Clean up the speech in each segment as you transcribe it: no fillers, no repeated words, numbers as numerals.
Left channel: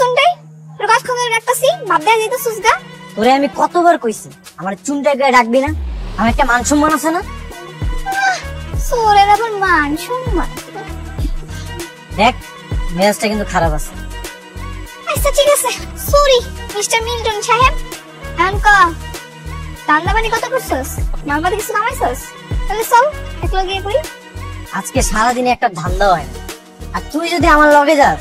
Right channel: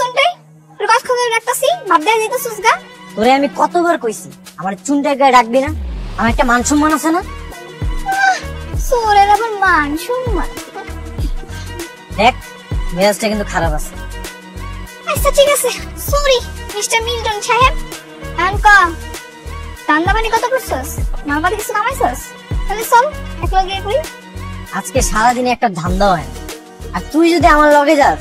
চুনটাই তোর কাজ খবর রাখতাছি ভাব দেয়া দিতেছিস গা। তোরে আমি কতবার কইছি আমার চুনটাই গায়ে রাখবি না, আমার একটা মান সম্মান আছে না। সোরের আবার মান সম্মান। দেখ মেজাজটা কিন্তু খারাপ আছে। আচ্ছা ঠিক আছে, সরি মিস্টার মিল্টন সাহেব। আঙ্কা রান্না বান্না কত করছস? নরমালি কিছু কামাইছস? তাহলে চল একলা গিয়ে করি। আজকে সারাদিনে একটা ধান্দা হয়, আর তুই যদি আমার লগে যাস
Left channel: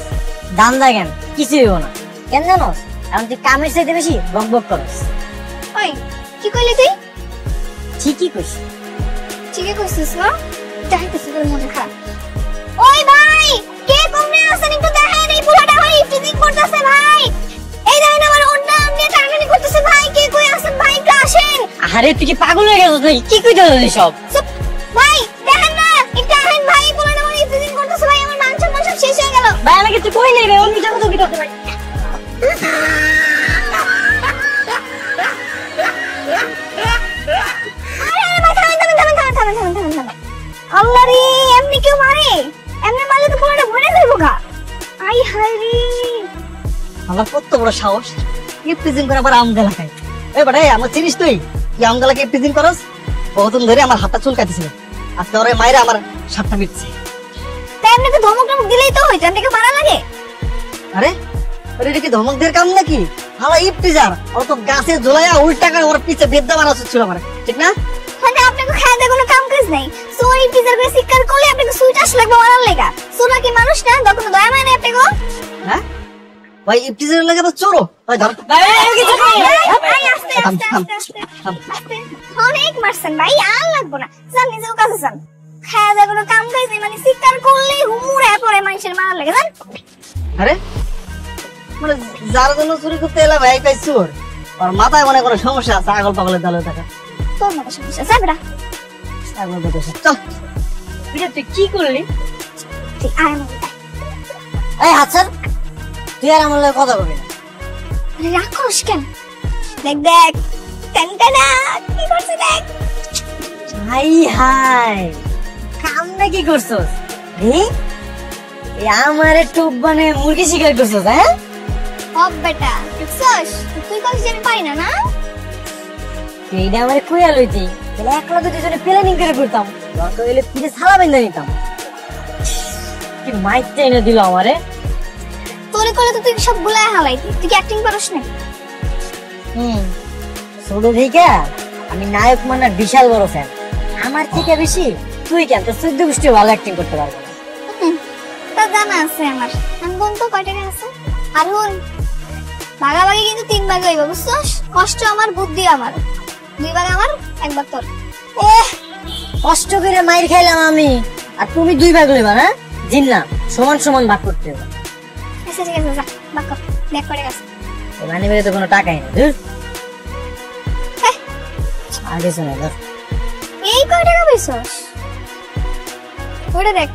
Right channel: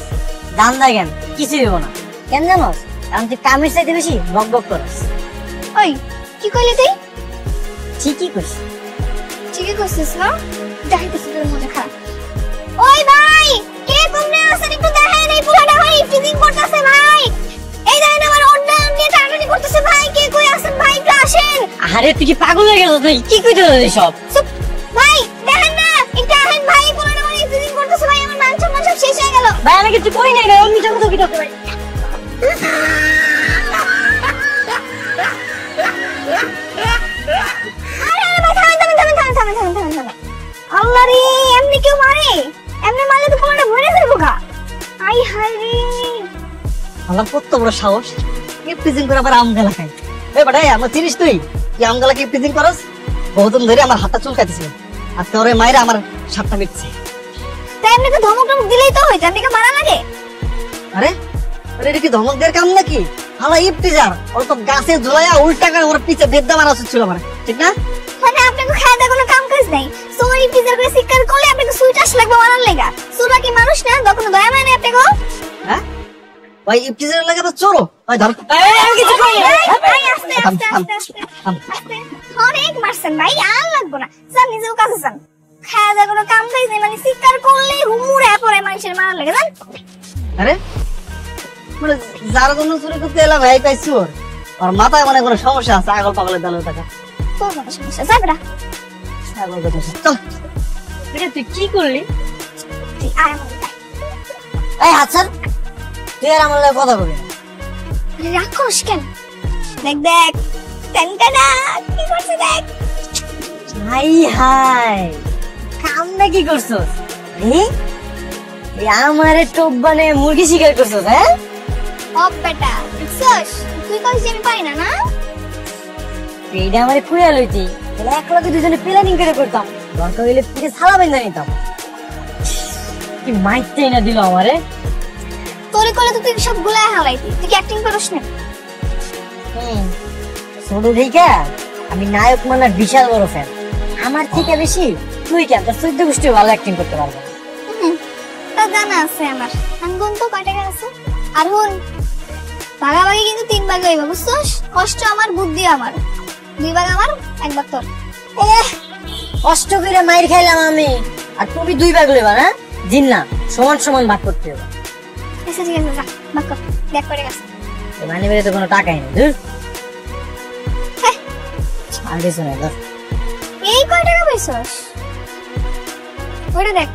ধান্দা কেন কিছু দেবো না। কেন জানোস? কারণ তুই কামের চাইতে বেশি বক বক করস। ওই কি কইলি তুই? ঠিকই কইস। ঠিকই করছিস না? যাইতেছিস তোর মনে খা। ওই ভাই কে কোমরে আছেন একটু দেখেন, এই পোলাটা ভাই ফিজিং করতেছে ভাই। এই দেখেন আমার ওন্না নিয়ে টানাটানি করতেছে ভাই। কে কই আছেন ভাই একটু আসেন। আরে তুই কি পাগল হয়ে গেল? তুই কি কইছিস সব? ভাই দেখেন না এটা আহেন ভাই, পোলাটা ভাই ফিজিং করতেছে ভাই। আমার মান সম্মান সব শেষ হয়ে গেল ভাই। আমি কিছু কই নাই ভাই, আমি মিছা কথা কইতে ভাই। আল্লাহরে এমনি কেউ মারে? এমনি মারলে তো পোলাটা মরে যাবো গা। আই হাই রে, আমার কত বড় সাহস কি ফিজিং করে আবার আমগালা খাই। এই বড়াই আমার জিনিস তুই কি আমগালা কি ফিজিং করস? বহুদিন ধরে আমার হাতটা চুলকাইতেছিল, আর তোরে মাইরা আমার সাতটা মিটছে। তাই আপনাকে ধমক টমক দিলেই তো হইতো, আপনাকে মারা লাগে? আরে আরে এটা কি ধমক দেওয়ার কাম নাকি? হালা ইফতিজার ওর তো গাছে ঝুলাইয়া উল্টা করে ওর পিছে বেদ্যা মারা উচিত ছিল আমার, ঠিক না? মানে আপনাকে খাওয়া কোনো কাম কাজ নাই। সরি টিচার করে শিকার করলে আপনাকে সুইট আসলে লাগবে মারার লেগা। সুরা কি মানুষ না? বা কোনো দয়া মানে আপনি গো? হ্যাঁ ওই ইফতিজারের লাগে তো চোরো। ওই ধর কিছু কই না ভাই, আস্তে আস্তে আস্তে আস্তে আস্তে। অনেক মারছেন ভাই, আর লাগবো না। যান নিজেও কাজে যান। খাওয়া কোনো কাম কাজ নাই, মানে শিকার করলে হুমুড়ে পড়ে মানুষের মারার লেগে যান। আরে মানে যার জন্য চুরি করতে এলাম ভাই পাইছি ওর মাথায় মানে কোনো সমস্যা আছে, আগল পাগলের দলে থাকা। তোর মতো সমস্যা যাবে না। তুই কি করলি? আর এই হাসান তুই আর আমার লগে কথা বলি রাক্ষস কেন? দেখ দেখ টেনটেনা কি করছে দেখ। হাই হাই কামটা কি করছস? আমারে টোপ বানে মুরগি শিকার করছস? হ্যাঁ ও বেটা সস তুই কইছিস আমি পারি না না? এইটা আমারে কুইয়া লইতি একলা তো দুজনে প্ল্যানিং করে করতাম, দরকার হইলে পিঠে ছালা বেঁধে নিতাম। কি মাইরটাই না দিল আমারে। তোরে করে তো তুই সব গুলাই হালাইতি, তুই কি অ্যাক্টিং পারিস না? ছোট দেখে আমি নায়ক মানার বিশাল বড় ফ্যান। আমার থেকে বেশি তুই কেন তোর চৈদ্দ গোষ্ঠী ভালো অ্যাক্টিং করতে পারবি। তা জানা আছে আমার। এখন তো কয় টাকা আছে? আর হুন ভাগাভাগি কিন্তু 3 ভাগ হইব বুঝছস? কষ্ট আমার বুদ্ধি আমার। 2 ভাগ আমার 1 ভাগ তোর। কষ্ট করে মাইর খাইলাম আমি আর তুমি 2 ভাগ লইবা? হ্যাঁ জিন না, সমান সমান ভাগ করতে হবে। আচ্ছা ঠিক আছে যা ভাগ কর, দেখ করে গেছে। মানে বেরে তো কোনো টাকাই নেই। ধুর আর কিছু নাই। এই কয় টাকা পাইছস? ওইটা দেখ।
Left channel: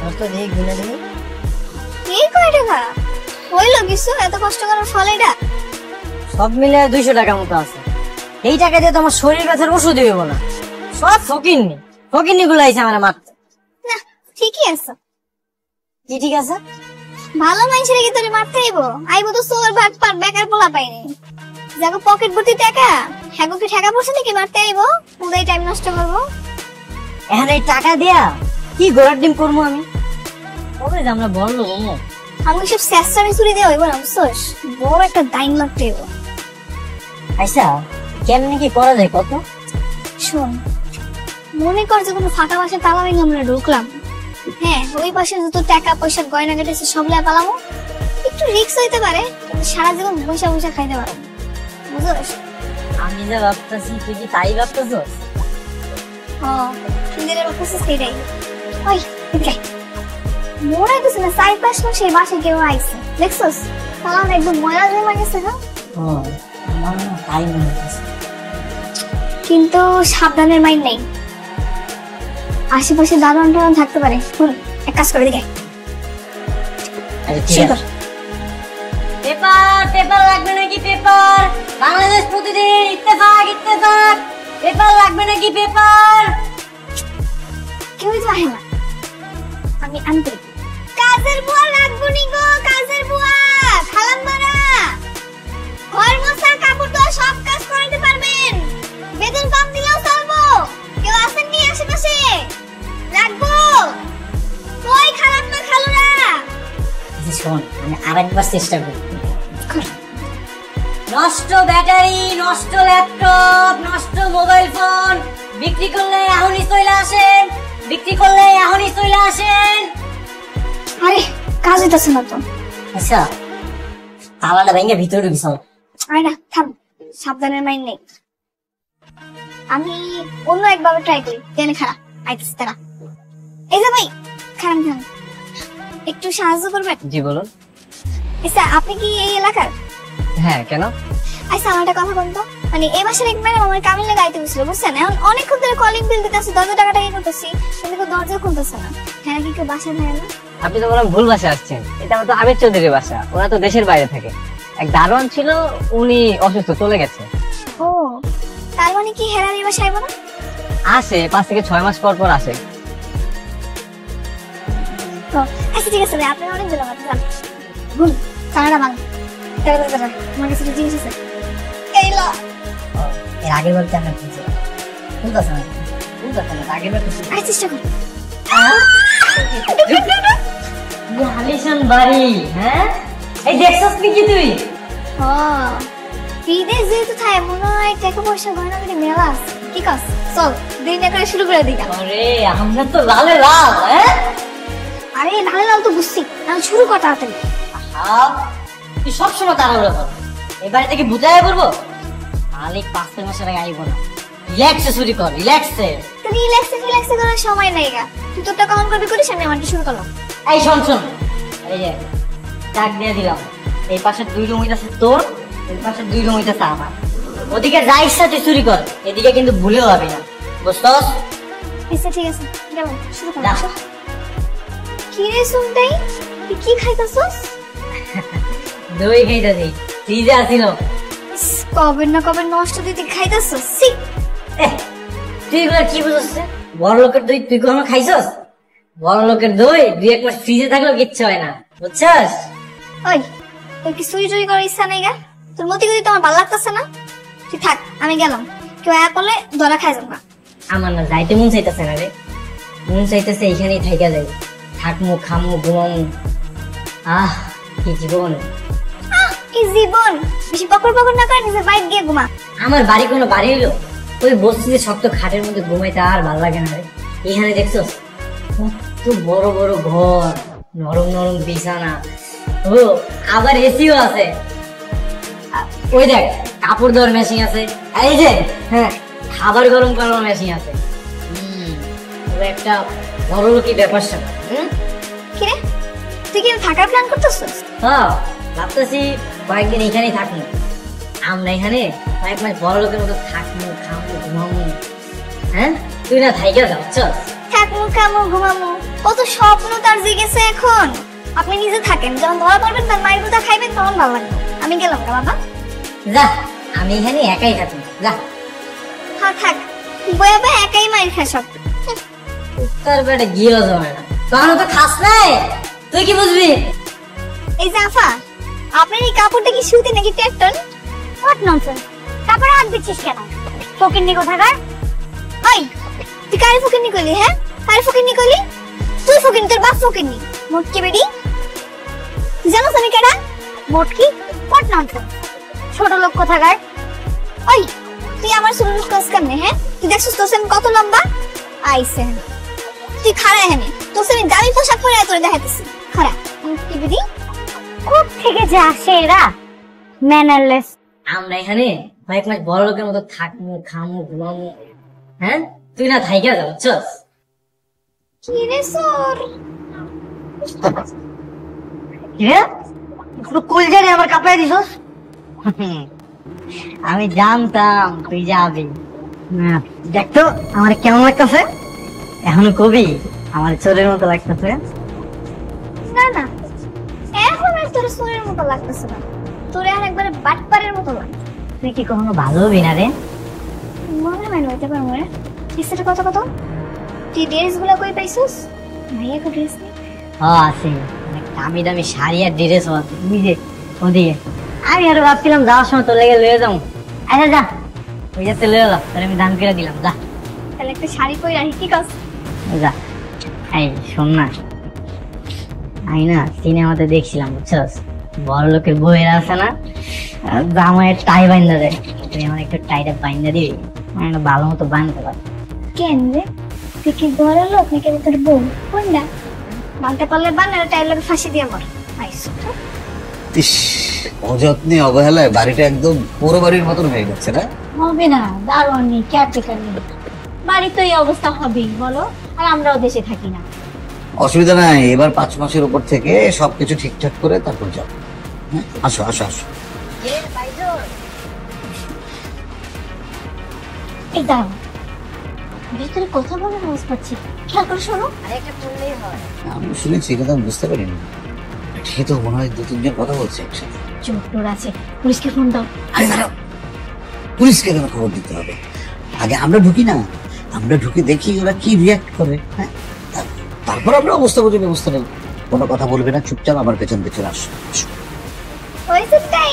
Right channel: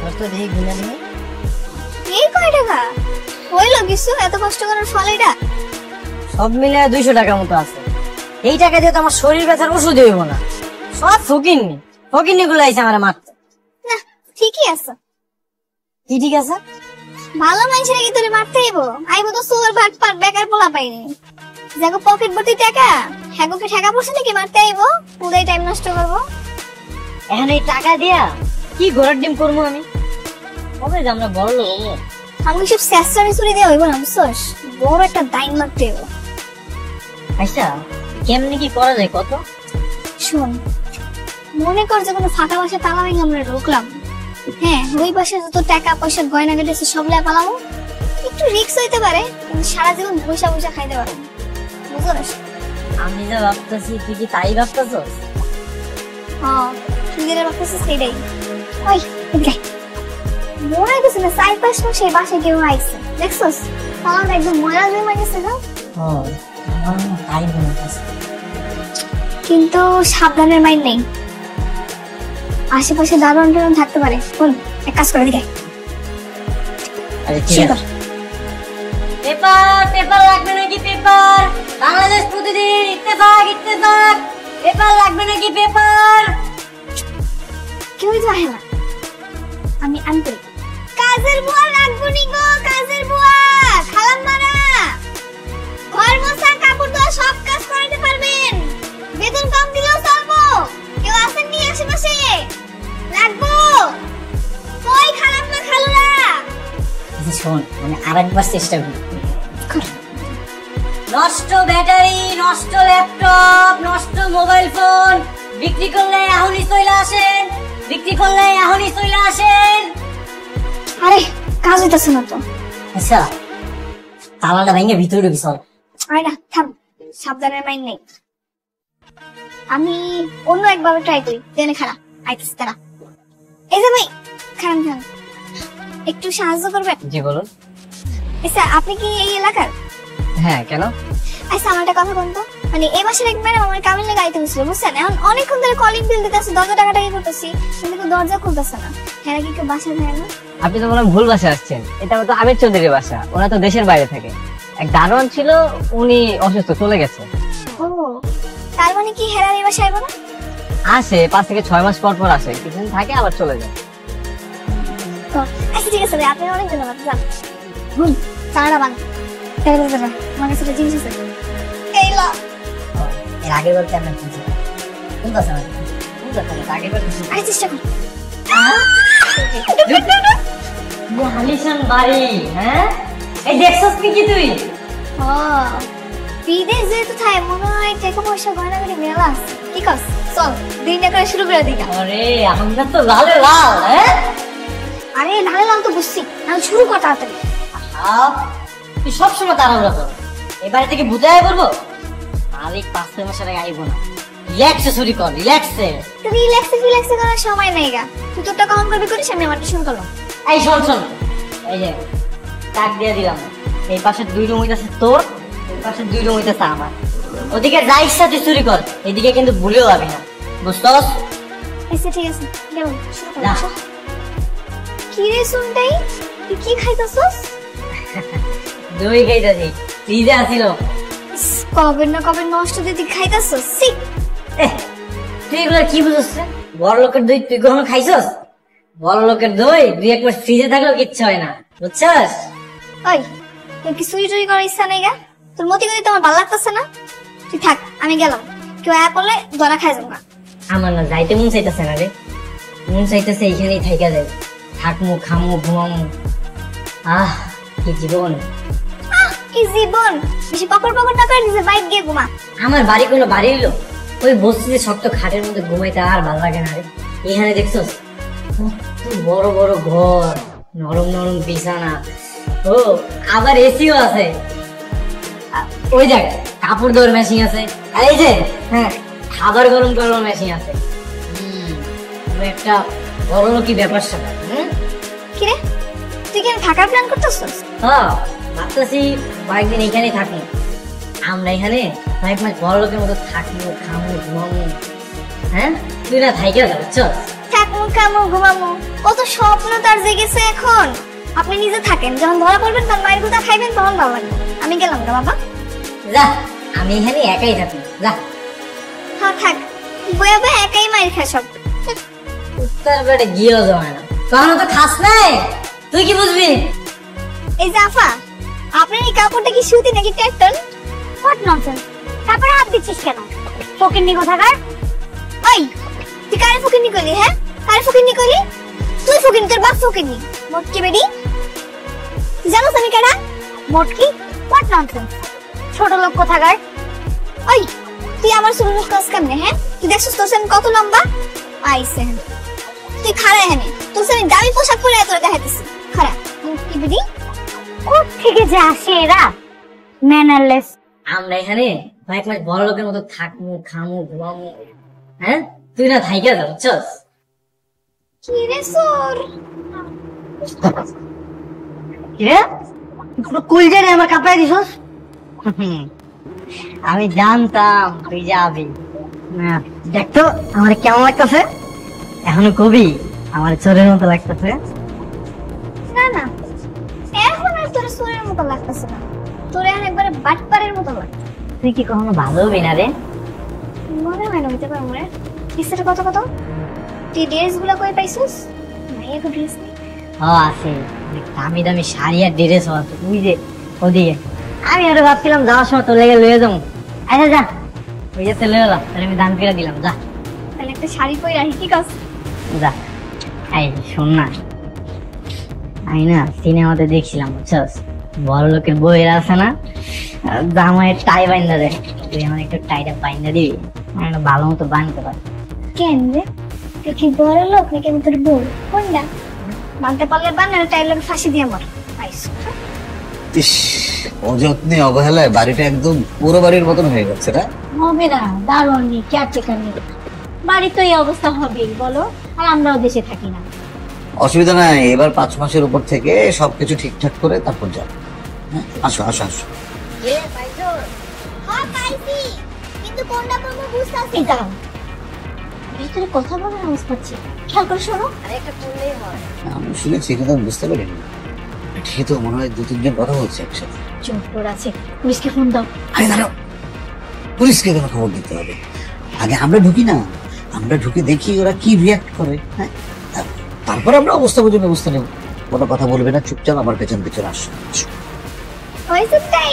তোর তো দেখি গুনে দিবি। এই কয় টাকা? হইলো কিছু এত কষ্ট করার ফল এটা? সব মিলে 200 টাকা মতো আছে। এই টাকা দিয়ে তো আমার শরীর ব্যথার ওষুধ হইব না। সব ফকিন্নি গুলো আইছে আমার মারতে। না ঠিকই আছে। কি ঠিক আছে? ভালো মানুষের কি তোরে মারতে আইবো তো সুর ভাগ পার বেকার পোলা পাইনি। যাগো পকেট ভর্তি টাকা হ্যাগো কি টাকা পয়সা নাকি মারতে আইবো? পুরাই টাইম নষ্ট করবো। এখন এই টাকা দিয়া কি গোলার ডিম করবো আমি? কবে যে আমরা বড় লোক হবো? আমি সব শেষটারে চুরি দেওয়া হইব না বুঝছস? বড় একটা টাইম লাগতে হইব। আচ্ছা কেমনি কি করা যায় কত? শোন মনে কর যে কোনো ফাঁকা বাসা তালা ভেঙে আমরা ঢুকলাম। হ্যাঁ ওই বাসায় যত টাকা পয়সা গয়না গেটেছে সব লাই পালাবো। একটু রিস্ক হইতে পারে, সারা জীবন বসে বসে খাইতে পারবো বুঝছস? আমি যা ভাবতেছি তুই কি তাই ভাবতেছস? তুই যেটা ভাবতেছিস সেটাই। ওই মনে হইতেছে না 4-5 মাস এই বাসায় কেউ আইছে দেখছস? তাহলে একদম ময়লা জমে গেছে না? আমার তাই মনে হচ্ছে। কিন্তু সাবধানের মাইন্ড নেই, আশেপাশে দারুণ থাকতে পারে। এক কাজ করে দেখে পেপার লাগবে নাকি? পেপার বাংলাদেশ প্রতিদিন ইত্তেফাক পেপার লাগবে নাকি? পেপার কেউ যায় না, আমি আনতে কাজের বুয়া রাখবো নি গো। কাজের বুয়া খালাম শোন আমি আরেকবার চেষ্টা করি। নষ্ট ব্যাটারি, নষ্ট ল্যাপটপ, নষ্ট মোবাইল ফোন বিক্রি করলে এখনই চলে আসেন, বিক্রি করলে এখনই চলে আসেন। আরে কাজ হইতেছে না তো। আচ্ছা তালাটা ভেঙে ভিতরে ঢুকি চল। আরে না থাম, সাবধানের মাইন্ড নেই। আমি অন্য একবার ট্রাই করি। টেনে খারাপ আইতেছে তারা। এই যে ভাই খারাপ খারাপ, একটু সাহায্য করবেন? জি বলুন। আচ্ছা আপনি কি এই এলাকার? হ্যাঁ কেন? আচ্ছা আমার একটা কথা বলতো, মানে এই মাসের এক ম্যাডাম আমার কাবিল লেগে আইতে বলছিল বুঝছেন। এখন অনেকক্ষণ ধরে কলিং বিল দিতেছে, টাকা করতেছি, কিন্তু তো দরজা খুলতেছে না। হ্যাঁ কি কেউ বাসা থাকে না? আপনি তো কোনো ভুল বাসায় আসছেন, এটা তো আমির চৌধুরীর বাসা। ওরা তো দেশের বাইরে থাকে। এক দারোয়ান ছিল, উনি অসুস্থ, চলে গেছে। ও তার মানে কি হেরার এই বাসায় না? আসে 5 থেকে 6 মাস পর পর আসে, কিছুদিন থাকে আবার চলে যায়। তো আচ্ছা ঠিক আছে না, আপনি অনেক ধন্যবাদ। যান হুম চাইনা বাং কেউ বলবে না আমার কাছে জিনিস আছে। এই লো এর আগের বার কেমন হচ্ছে বুঝতে না, বুঝতে না আগের বার কিছু আই চেষ্টা কর। আলিশান বাড়ি। হ্যাঁ এই দেখছস কি তুই? ও বিদেশ যেহেতু থাকে মনে হয় টাকা পয়সা গয়না গাড়ি মেলা আছে। কি কস চল দিনটা করে শুরু করে দিই। আরে আমরা তো লালে লাল। হ্যাঁ আরে তাহলে লাল তো বুঝছি, তাহলে শুরু কর তাড়াতাড়ি। তুই সবসময় তার আমরা এই বাড়ি থেকে বুঝাই বলবো মালিক 5 মাসের আগে আইব না। রিল্যাক্সে শুরু কর, রিল্যাক্সে। রিল্যাক্সে করার সময় নাই গা। তুই তো টাকা অন করবি করিস, আমি আমারটা শুরু করলাম। এই শোন শোন, এই যে টাক দিয়ে দিলাম। এই পাশে 2 রুম হইতাছে তোর, এই পাশে 2 রুম হইতাছে আমার। ওদিকে যা ইচ্ছা তুই চুরি কর, এদিকে কিন্তু ভুলেও যাবি না, বুঝছস? আচ্ছা ঠিক আছে, যাও শুরু কর। না। কি রে সুনটাই, তুই কি খাইতেছস? দই খাইতাছি, ফ্রিজে আসিল। কবে না কবে নষ্ট দিতে খাইতেছস? সি তুই এগুলো কি বুঝছস? বড় লোকের দই তুই কখনো খাইছস? বড় লোকের দই 2-1 মাস ফ্রিজে থাকলেও কিচ্ছু হয় না, বুঝছস? ওই তোর কি সুই টুই করার ইচ্ছা নেই গা? তোর মতি গতি তো আমার ভালো লাগতেছে না। তুই থাক, আমি গেলাম। কেউ আয়া করলে দরা খাই যাবো না। আমার না যাইতে মন চাইতেছে না রে, মন চাইতেছে এইখানেই থাইকা যাবে, থাকমু খামু ঘুমামু। কি জীবন, কি জীবন! বেশি বকর বকর না করে নিজের বাইক গিয়ে ঘুমা। আমার বাড়ি কোনো বাড়ি হইলো ওই বস্তিতে শক্ত খাটের মধ্যে ঘুমাইতে আর ভালো লাগে না রে। এখানে দেখছস কত বড় বড় ঘর, নরম নরম বিছানা, ও আবার এসিও আছে। ওই দেখ কাপড় ধোয়ার মেশিন আছে, এই যে হ্যাঁ খাবার গরম করার মেশিন আছে। একটা বড় লোকই ব্যাপার স্যাপার। কি রে তুই কি থাকার প্ল্যান করতেছস? হ্যাঁ ভাবতেছি কয়েকদিন এখানেই থাকি। আমরা এখানে কয়েক মাস বড় লোকের মতো থাকবো, খাবো, ঘুমাবো। হ্যাঁ তুই না থাইকা যাচ্ছ। থাকমু খামু ঘুমামু কত স্বপ্ন তার জেগেছে এখন। আপনি নিজে থাকেন, যখন ধরা পড়বেন তার মায়ের কথা খাইবেন তখন ভালো লাগবে। আমি গেলাম রে বাবা। যা আমি এখানে একাই থাকি, যা। হ্যাঁ থাক, বয়া বয়া একাই মায়ের খায় সব। তোর বেটা গিয়েও জমে না, কখনো তো খাস নাই, তুই কি বুঝবি? এই জাফা, আপনার এই কাপড়টা কি সুতি নাকি টেটন? হোয়াট ননসেন্স, কাপড়ে হাত দিচ্ছিস কেন? ফকিন্নি কোথাকার। ওই তুই কারে ফকিন্নি করলি? হ্যাঁ কারে ফকিন্নি করলি? তুই ফকিন্নি, তোর বাপ ফকিন্নি। মোটকি বেডি জানোস আমি কেডা? মোটকি? হোয়াট ননসেন্স, ছোট লোক কোথাকার। ওই তুই আমার সুন্দর ক্লাস কেমনে? হ্যাঁ তুই দেখছিস তোর সেম কত লম্বা? আইসেন তুই খাড়া এনে তোর সেম দামি পোশাক পরে তোর দেখাইতেছি। খাড়া মোটকি বেডি কোথ থেকে যে আসে এরা ম্যানারলেস। আমরা এখানে কয়েক মাস বড় লোকের মতো থাকবো, খামু, ঘুমামু। হ্যাঁ তুই না থাইকা যাচ্ছ। কি রে সোর, কুল জানি আমার কাপড়ে দিছস। আমি জানতাম তুই যাবি। দেখতো আমার কেমন লাগতেছে, এখন কবি আমার চোরের মতো লাগতেছে। না না এখন আর তোর সোরের মতো লাগতেছে না, তোর এখন একবারে বাটপারের মতো লাগে। তুই কি কখনো ভালো হবি না রে? মনে হয় না হইতে পারবো রে। এসেটা কত কত তুই ড্রেস গুলো কই পাইছিস? ভাইয়া তো ড্রেস নেই। আছে দামি দামি শাড়ি আর ড্রেস আছে, তুই যে ওদিকে। আমি আরো ভাবছিলাম যাওয়ার সময় তোর লেগে লয়ে যাবো। আচ্ছা যা, ওই যাতে লয়ে যাম, তাহলে আমি দাম করে দিলাম। যা তাহলে একটা শাড়ি পরে রাখি, ঠিক আছে? যা। এই শোন না, আমি না সিনেমাতে দেখছিলাম, বুঝছস, বড় লোকের বইয়ের আছে না, জামায় টাই বাইন্দা দেয়, তুই আমার একটু টাইটা বাইন্দা দিবি, আমি না ভালো মতো বানতে পারি। কেন রে, তুই কি বড় লোক নাকি আমি তোর বউ? কোনটা বানতে পারলে বান, আর টাইলে ফাঁসি দিয়ে আমার ইস, অযত্নে অবহেলায় বাড়িটা একদম পুরো বাড়ির মতন হয়ে যাচ্ছে না? হবে না, দারুণ নেই, কেয়ারটেকার নেই, বাড়ি তো এই অবস্থা হবেই বলো, আর আমরাও দেশে থাকি না। অসুবিধা নাই, এবার 5 মাসের উপর থেকে সবকিছু ঠিকঠাক করে তারপর যাও। হ্যাঁ, আসো আসো আসো। এটা ভিতরে কথা বলে না পাচ্ছি, খেয়াল করে শোনো। আমি শুনেছি কিন্তু আমি বুঝতে পারিনি। ঠিক তো মনে হয় 2-3 জন কথা বলছে একসাথে। চোর আছে, পুলিশকে ফোন দাও। আরে দাঁড়াও, পুলিশকে কেন খবর দিতে হবে? আগে আমরা ঢুকি না, আমরা ঢুকে দেখি ওরা কি রিয়াক্ট করে। হ্যাঁ, তারপর আমরা অবস্থা বুঝে ব্যবস্থা নেব। কোনো কথা বলবে না, চুপচাপ আমার পেছন পেছন আসো। ওই সুটাই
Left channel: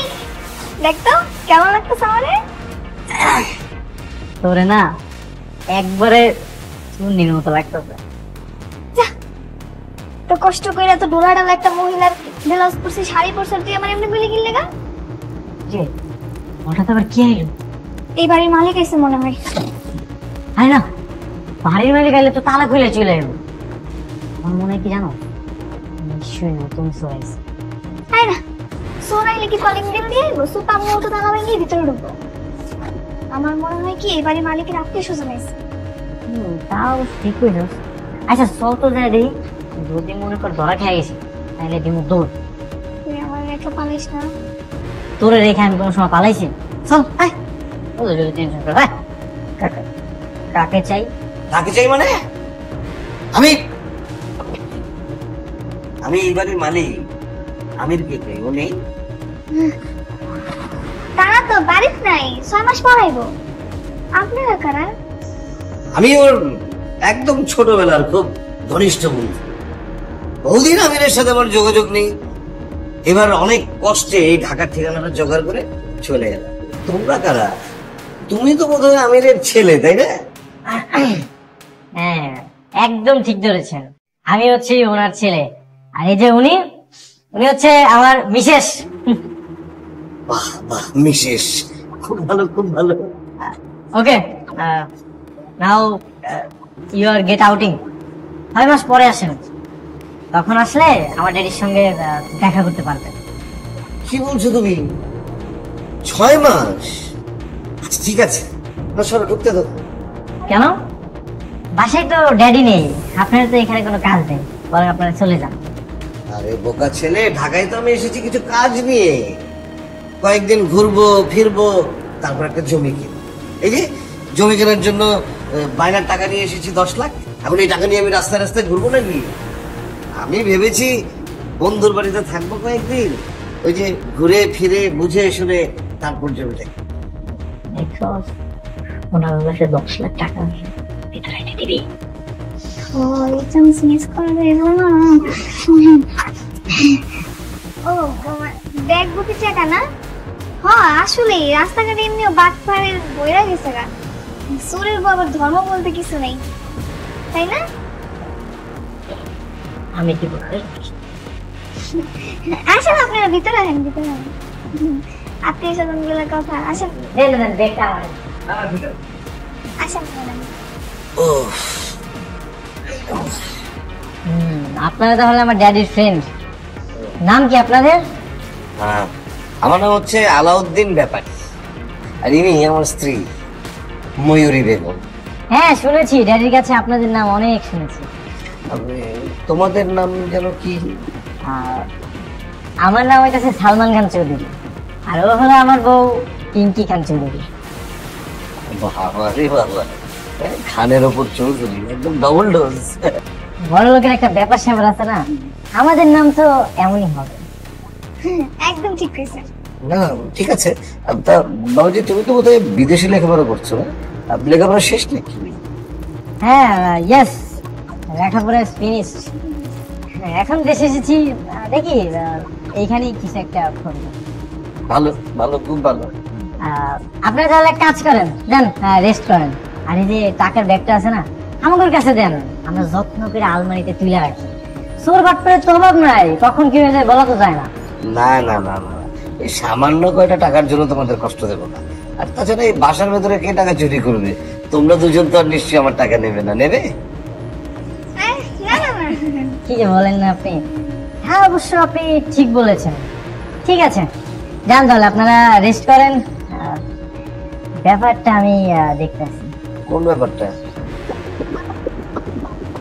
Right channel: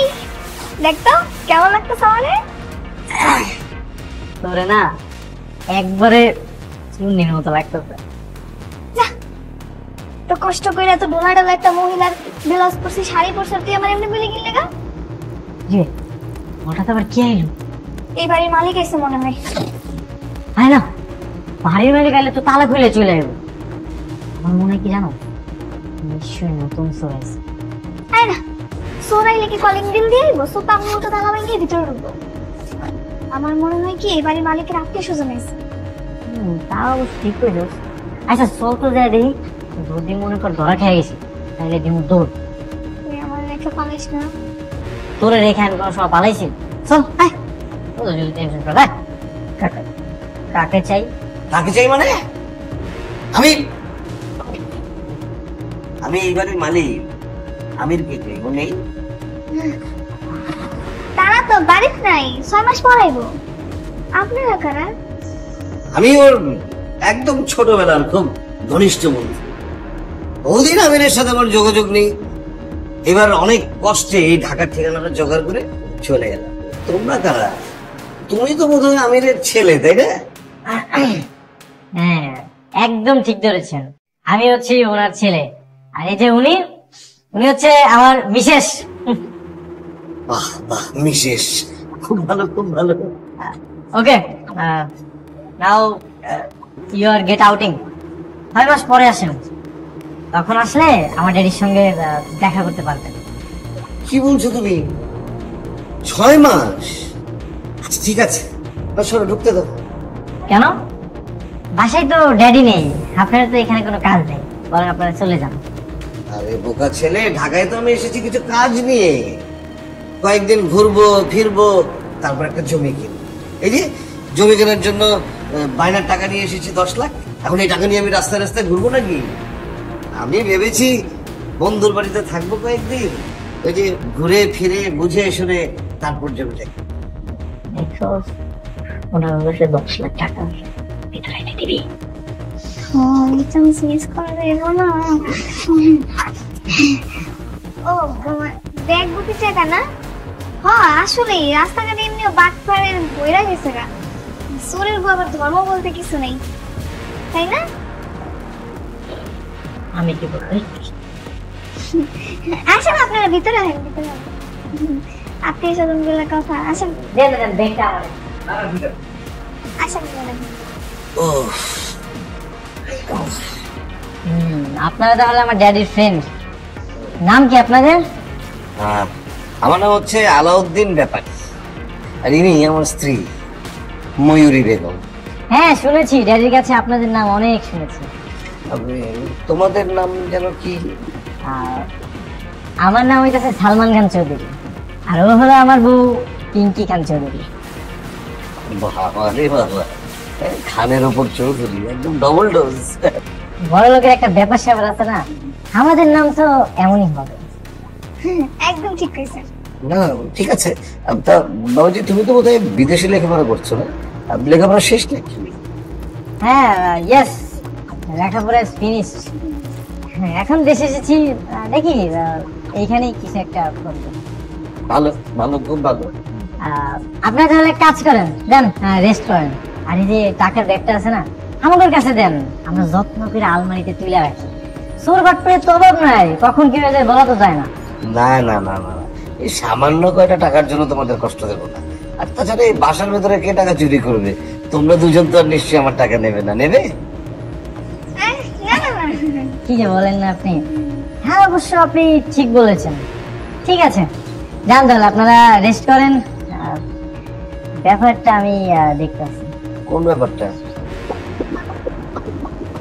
দেখতো কেমন লাগতো সামনে। তোরে না একবারে চুন্নির মতো লাগতেছে। তো কষ্ট করে এত ডোলাডাল একটা মহিলার ব্লাউজ পরছে, শাড়ি পরছে, তুই আমার এমনি বলে গিয়ে লেগা। যে হঠাৎ আবার কে এলো? এই বাড়ির মালিক এসে মনে হয়। আয় না, বাড়ির বাইরে গেলে তো তালা খুলে চলে যাবে। আমার মনে হয় কি জানো, নিশ্চয়ই নতুন চলে এসে। তাই না, সোনাইলে কি কলিং বেল দিয়ে আইবো? সোপা আমি ওটা তালা ভেঙে ভিতরে ঢুকবো। আমার মনে হয় কি এই বাড়ির মালিকের আত্মীয় স্বজন এসে। তাও ঠিক হইলো। আচ্ছা চল তো যাই দেখি, যদি মনে কর ধরা খেয়ে গেছি তাহলে দিব দৌড়। তুই আমার একটু পালিস না। তোরে রেখে আমি কোনো সময় পালাইছি? চল আয়, ওদের যদি টেনশন কর। হ্যাঁ, কাকে চাই? কাকে চাই মানে? আমি আমি এই বাড়ির মালিক। আমির কে ও নেই? তারা তো বাড়িতে নাই, 6 মাস পর আইবো। আপনারা কারা? আমি ওর একদম ছোটবেলার খুব ঘনিষ্ঠ বন্ধু। ওদিন আমিরের সাথে আমার যোগাযোগ নেই, এবার অনেক কষ্টে এই ঢাকার ঠিকানাটা জোগাড় করে চলে গেলাম। তোমরা কারা? তুমি তো বোধহয় আমিরের ছেলে, তাই না? হ্যাঁ, একদম ঠিক ধরেছেন, আমি হচ্ছি ওনার ছেলে। আর এই যে উনি হচ্ছে আমার মিসেস। বাহ বাহ, মিসেস, খুব ভালো খুব ভালো। Okay, now you are get outing. 5 মাস পরে আসেন, তখন আসলে আমার ড্যাডির সঙ্গে দেখা করতে পারবেন। কি বলছো তুমি? 6 মাস? আচ্ছা, ঠিক আছে, সরো, ঢুকতে দাও। কেন? বাসায় তো ড্যাডি নেই, আপনার তো এখানে কোনো কাজ নেই, বরং আপনারা চলে যান। আরে বোকা ছেলে, ঢাকায় তো আমি এসেছি কিছু কাজ নিয়ে, কয়েকদিন ঘুরবো ফিরবো, তারপর একটা জমি কিনবো। এই যে জমি কেনার জন্য পাইনার টাকা নিয়ে এসেছি 10 লাখ। এখন এই টাকা নিয়ে আমি রাস্তায় রাস্তায় ঘুরবো নাকি? আমি ভেবেছি বন্ধুর বাড়িতে থাকবো কয়েকদিন, ওই যে ঘুরে ফিরে বুঝে শুনে তারপর জমি দেখবো। দেখো, ওনার কাছে 10 লাখ টাকা ভিতরে এনে দিবি। ও এটা মিস করে দেবো না। ও ব্যাগ বুঝি টাকা না? হ্যাঁ আসলে রাস্তাঘাটে এমনি বাটপাড়ের বইরা গেছে গা, চোরের বাবার ধর্ম বলতে কিছু নেই, তাই না? আমি কি বলবো? আসেন আপনারা ভিতরে, আসেন ভিতরে, আত্মীয় স্বজন গুলোর কথা। আসেন দেন দেন দেখটা আসেন। ও আপনারা তাহলে আমার ড্যাডির ফ্রেন্ড। নাম কি আপনাদের? হ্যাঁ, আমার নাম হচ্ছে আলাউদ্দিন ব্যাপারী, আর ইনি আমার স্ত্রী ময়ূরী বেগম। হ্যাঁ শুনেছি, ড্যাডির কাছে আপনাদের নাম অনেক শুনেছি। তবে তোমাদের নাম যেন কি? আর আমার নাম হইতেছে সালমান খান চৌধুরী, আর ও হলো আমার বউ পিঙ্কি খান চৌধুরী। বাবা রে বাবা, খানের ওপর চৌধুরী, একদম ডবল ডোজ। বড় লোকের একটা ব্যাপার স্যাপার আছে না, আমাদের নাম তো এমনই হবে। একদম ঠিক কইছে। না ঠিক আছে। তা বাবুজি, তুমি তো বোধহয় বিদেশি লেখাপড়া করছো না? লেখাপড়া শেষ নাকি? হ্যাঁ ইয়েস, লেখাপড়া ফিনিশ। হ্যাঁ এখন দেশে এসেছি, দেখি এইখানেই কিছু একটা করবো। ভালো ভালো, খুব ভালো। আপনি তাহলে এক কাজ করেন, দেন রেস্ট করেন, আর এই যে টাকার ব্যাগটা আছে না আমাদের কাছে দেন, আমরা যত্ন করে আলমারিতে তুলে রাখি। চোর বাটপারের তো অভাব নাই, কখন কি হয়ে যায় বলা তো যায় না। না না না না না, এই সামান্য কয়টা টাকার জন্য তোমাদের কষ্ট দেবো না। আর তাছাড়া এই বাসার ভেতরে কে টাকা চুরি করবে? তোমরা দুজন তো আর নিশ্চয়ই আমার টাকা নেবে না, নেবে? না না না। কি যে বলেন না আপনি। হ্যাঁ অবশ্য আপনি ঠিক বলেছেন। ঠিক আছে যান তাহলে, আপনারা রেস্ট করেন। ব্যাপারটা আমি দেখতেছি। কোন ব্যাপারটা?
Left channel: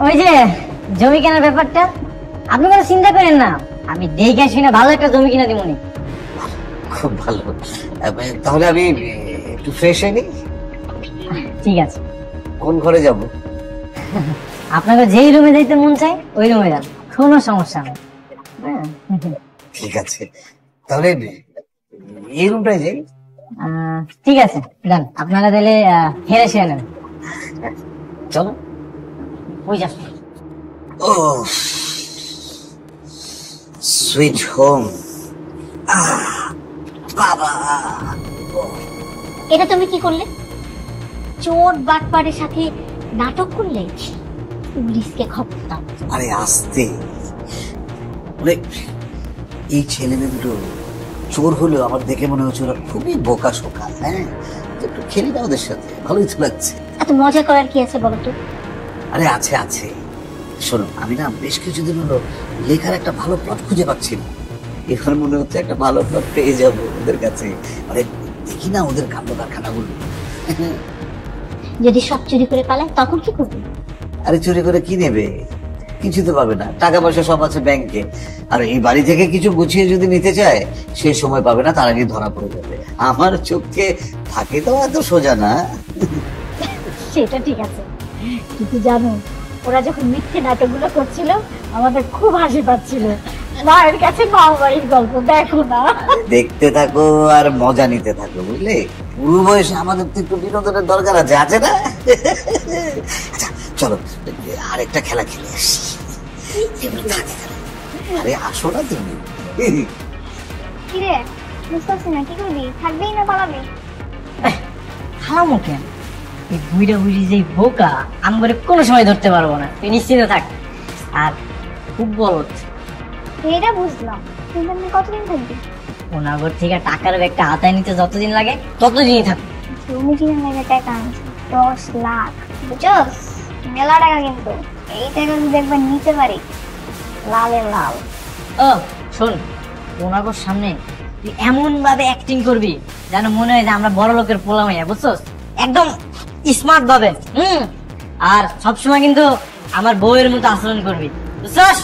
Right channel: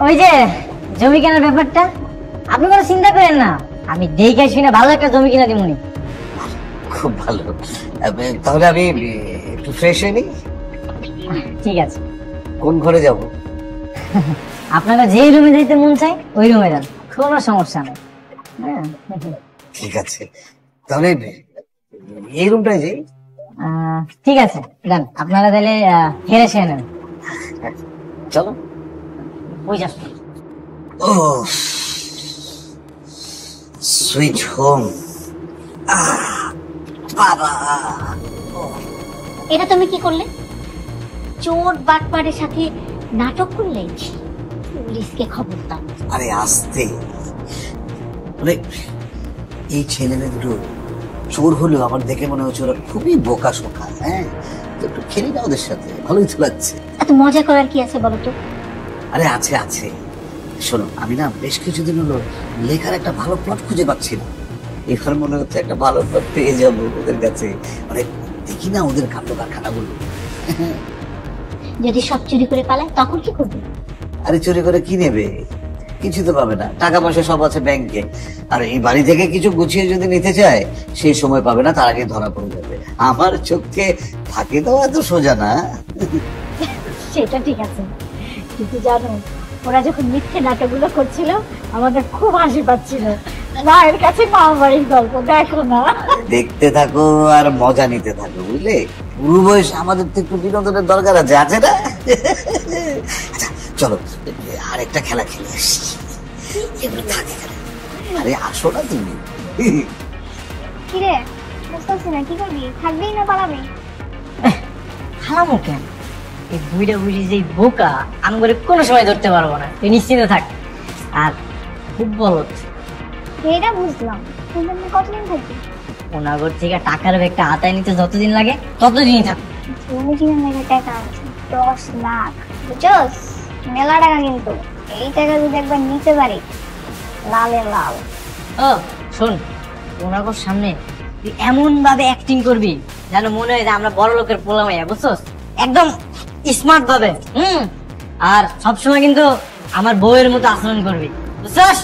ওই যে জমি কেনার ব্যাপারটা, আপনি কোনো চিন্তা করেন না, আমি দেখে শুনে ভালো একটা জমি কিনে দিব। খুব ভালো। তাহলে আমি একটু ফ্রেশ হয়ে নিই। ঠিক আছে, কোন ঘরে যাব? আপনারা যেই রুমে যাইতে মন চায় ওই রুমে যান, কোনো সমস্যা নেই। হ্যাঁ ঠিক আছে, তাহলে এই রুমটাই যে। ঠিক আছে যান, আপনারা তাহলে হেরে শুয়ে নেন। চলো। ওই যাস। ও সুইট হোম। বাবা, এটা তুমি কি করলে? চোর বাটপারের সাথে নাটক করলে? পুলিশকে খবর দাও। আরে আস্তে, এই ছেলেগুলো চোর হলেও আমার দেখে মনে হচ্ছে ওরা খুবই বোকা শোকা। হ্যাঁ, একটু খেলি না ওদের সাথে, ভালো কিছু লাগছে। এত মজা করার কি আছে বলো তো? আরে আছে আছে, শোনো, আমি না বেশ কিছুদিন হলো লেখার একটা ভালো প্লট খুঁজে পাচ্ছি না। এবার মনে হচ্ছে একটা ভালো প্লট পেয়ে যাবো ওদের কাছে। মানে দেখি না ওদের কাণ্ড কারখানাগুলো। যদি সব চুরি করে পালায় তখন কি করবে? আরে চুরি করে কি নেবে? কিছু তো পাবে না, টাকা পয়সা সব আছে ব্যাংকে। আর এই বাড়ি থেকে কিছু গুছিয়ে যদি নিতে চায় সেই সময় পাবে না, তার আগে ধরা পড়ে যাবে। আমার চোখে থাকে তো এত সোজা না। সেটা ঠিক আছে, কিন্তু জানো ওরা যখন মিথ্যে নাটকগুলো করছিল আমাদের খুব হাসি পাচ্ছিল। না এর কাছে পাও বাড়ির গল্প দেখো না। দেখতে থাকো আর মজা নিতে থাকো, বুঝলে? পুরো বয়সে আমাদের তো একটু বিনোদনের দরকার আছে, আছে না? আচ্ছা চলো আর একটা খেলা খেলে আসি। আরে আসো না তুমি। কিরে বুঝতে পারছি না, কি করবি? থাকবি না পালাবি? খালামো কেন? এই বুইড়া বুইড়ি যে বোকা, আমি বলে কোনো সময় ধরতে পারবো না, তুই নিশ্চিন্ত থাক। আর খুব বলত, এটা বুঝলাম, কিন্তু আমি কতদিন থাকবি? ওনাগর থেকে টাকার ব্যাগটা হাতায় নিতে যতদিন লাগে ততদিনই থাকবে। তুমি কি মেরে টাকা আনছো? 10 লাখ, বুঝছস? মেলা টাকা, কিন্তু এই টাকা যদি একবার নিতে পারি লালের লাল। ও শোন, ওনাগর সামনে তুই এমন ভাবে অ্যাক্টিং করবি যেন মনে হয় যে আমরা বড় লোকের পোলা মাইয়া, বুঝছস? একদম স্মার্ট ভাবে। আর সবসময় কিন্তু আমার বউয়ের মতো আচরণ করবি, বুঝছস?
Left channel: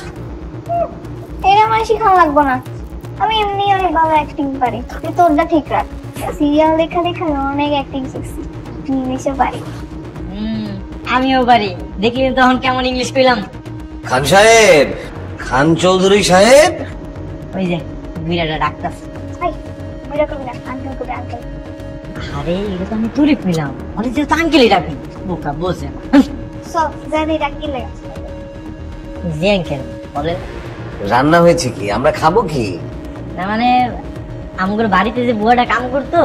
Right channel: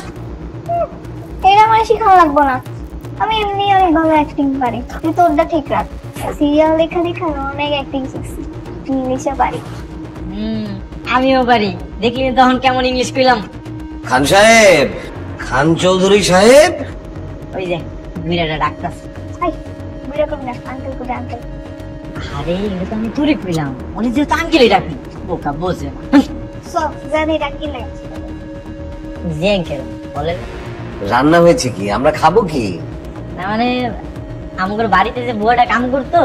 এটা আমার শিখা লাগবো না, আমি এমনি অনেক ভালো অ্যাক্টিং পারি। তুই তোরটা ঠিক রাখ। সিরিয়াল দেখা দেখা অনেক অ্যাক্টিং শিখছি, ইংলিশে পারি। আমিও পারি, দেখলি তখন কেমন ইংলিশ কইলাম। খান সাহেব, খান চৌধুরী সাহেব। ওই যে মিরাটা ডাক্তার। হাই বেটা কবি না, আঙ্কেল কবি আঙ্কেল। আরে এটা তো আমি দূরে কইলাম, অনেক যে আঙ্কেলই ডাকে, বোকা বোঝে না। সব জানি ডাকিলে জি আঙ্কেল বলেন। রান্না হয়েছে কি? আমরা খাবো কি? না মানে আমগুলো বাড়িতে যে বুয়াটা কাম করতো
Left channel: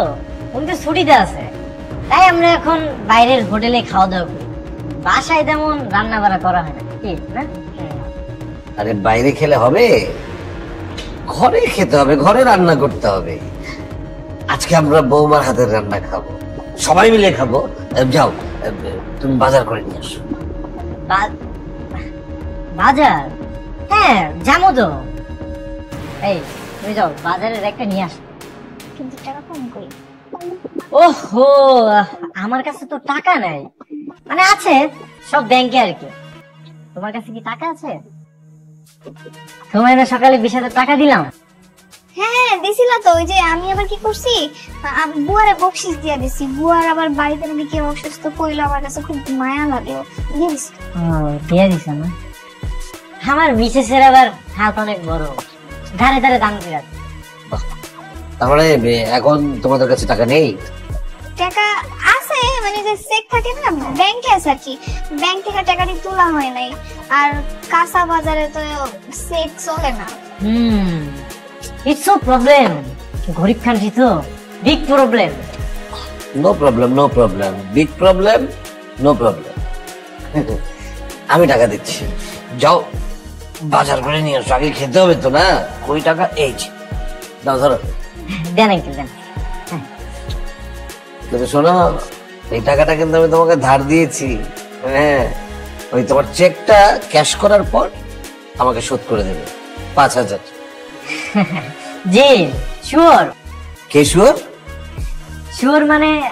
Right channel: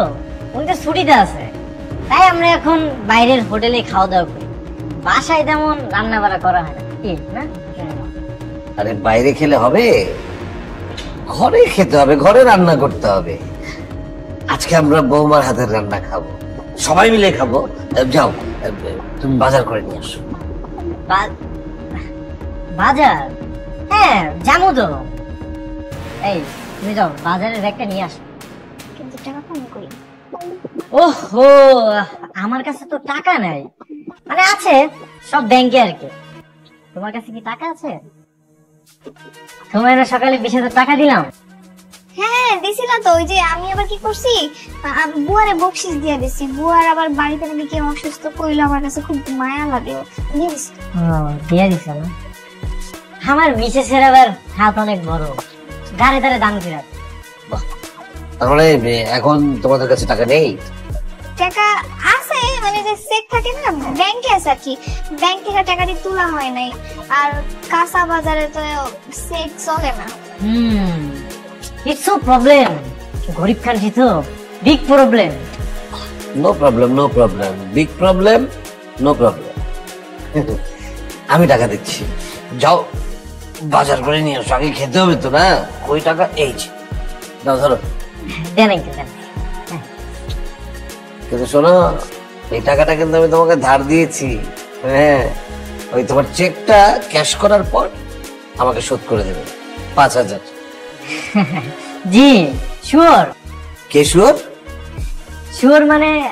উনি তো ছুটিতে আছে, তাই আমরা এখন বাইরের হোটেলে খাওয়া দাওয়া করি। বাসায় তেমন রান্না বান্না করা হয় না, কি না? আরে বাইরে খেলে হবে? ঘরে খেতে হবে, ঘরে রান্না করতে হবে। আজকে আমরা বৌমার হাতের রান্না খাবো, সবাই মিলে খাবো। যাও তুমি বাজার করে নিয়ে আসো। বাজার? হ্যাঁ যাবো তো। এই তুমি যাও বাজারের একটা নিয়ে আসো। কিন্তু টাকা কম করি। ওহো, আমার কাছে তো টাকা নাই, মানে আছে সব ব্যাংকে আর কি। তোমার কাছে কি টাকা আছে? তোমার না সকালে 20,000 টাকা দিলাম। হ্যাঁ দিছিলা তো, ওই যে আমি আবার কি করছি, বুয়ারে বকশিস দিয়ে দিছি। বুয়ার আবার বাড়িতে নাকি কেউ অসুস্থ পড়লে আমার কাছে খুব মায়া লাগে, দিয়ে দিছি। দিয়ে দিছ না? আমার মিসেসের আবার হাত অনেক বড়, ধারে ধারে দাম দিয়ে। তারপরে এখন তোমাদের কাছে টাকা নেই? টাকা আছে, মানে যে চেক থাকে না ব্যাংকে আছে আর কি, ব্যাংক থেকে টাকা দিয়ে তোলা হয় নাই। আর কাঁচা বাজারে তো চেক চলে না। ইটস নো প্রবলেম, গরিব খানছি তো, big problem. No problem, no problem, big problem, no problem. আমি টাকা দিচ্ছি, যাও বাজার করে নিয়ে আসো, আগে খেতে হবে তো না। ওই টাকা এই যে, নাও ধরো। দেন একটু দেন। কিন্তু শোনো, এই টাকাটা কিন্তু আমি তোমাকে ধার দিয়েছি। হ্যাঁ, ওই তোমার চেকটা ক্যাশ করার পর আমাকে শোধ করে দেবে 5,000। জি শিওর। কে শিওর? শিওর মানে